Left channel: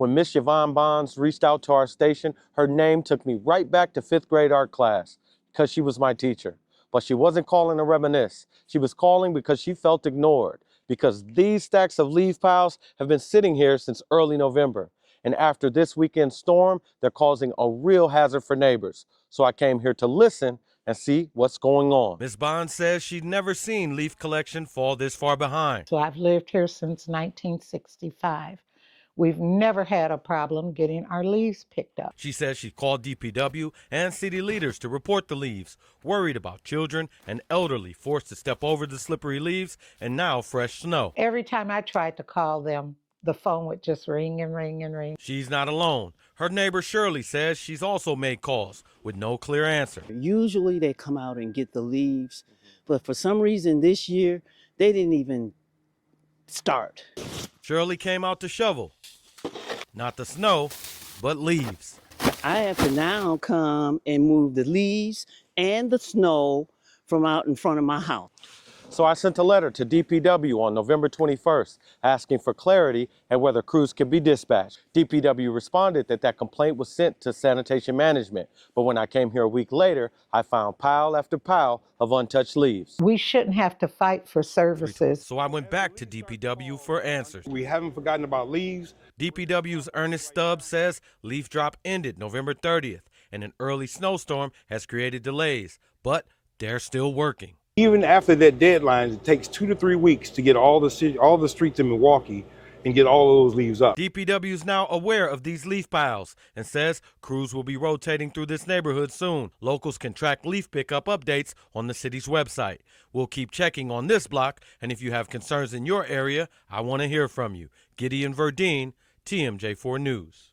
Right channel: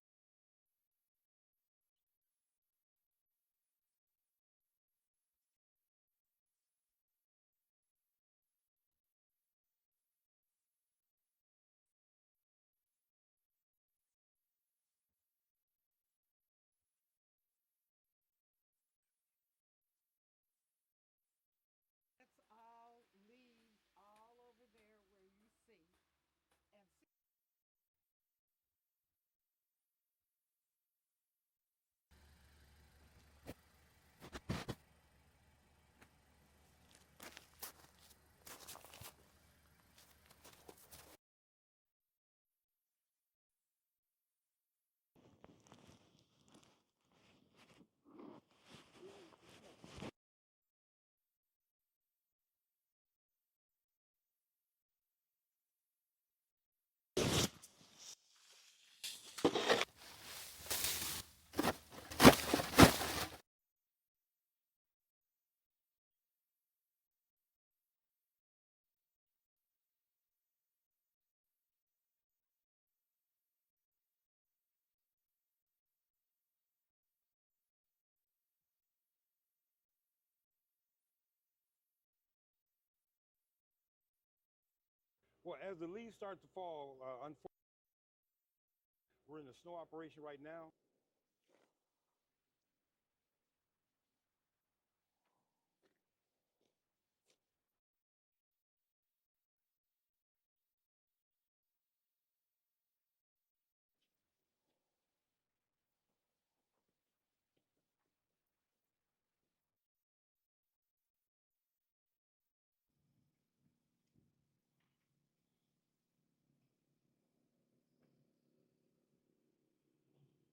When Miss Yvonne Bonds reached out to our station, her name took me right back to 5th grade art class because she was my teacher. But she wasn't calling to reminisce. She was calling because she felt ignored, because these stacks of leaf piles have been sitting here since early November. And after this weekend storm, they're causing a real hazard for neighbors. So I came here to listen and see what's going on. Ms. Bond says she'd never seen leaf collection fall this far behind. So I've lived here since 1965. We've never had a problem getting our leaves picked up. She says she called DPW and city leaders to report the leaves, worried about children and elderly forced to step over the slippery leaves and now fresh snow. Every time I tried to call them, the phone would just ring and ring and ring. She's not alone. Her neighbor Shirley says she's also made calls with no clear answer. Usually they come out and get the leaves, but for some reason this year, they didn't even start. Shirley came out to shovel. Not the snow, but leaves. I have to now come and move the leaves and the snow from out in front of my house. So I sent a letter to DPW on November 21st asking for clarity and whether crews can be dispatched. DPW responded that that complaint was sent to sanitation management, but when I came here a week later, I found pile after pile of untouched leaves. We shouldn't have to fight for services. So I went back to DPW for answers. We haven't forgotten about leaves. DPW's Ernest Stubbs says leaf drop ended November 30th, and an early snowstorm has created delays, but they're still working. Even after that deadline, it takes 2 to 3 weeks to get all the streets in Milwaukee and get all those leaves up. DPW is now aware of these leaf piles and says crews will be rotating through this neighborhood soon. Locals can track leaf pickup updates on the city's website. We'll keep checking on this block, and if you have concerns in your area, I want to hear from you. Gideon Verdeen, TMJ4 News.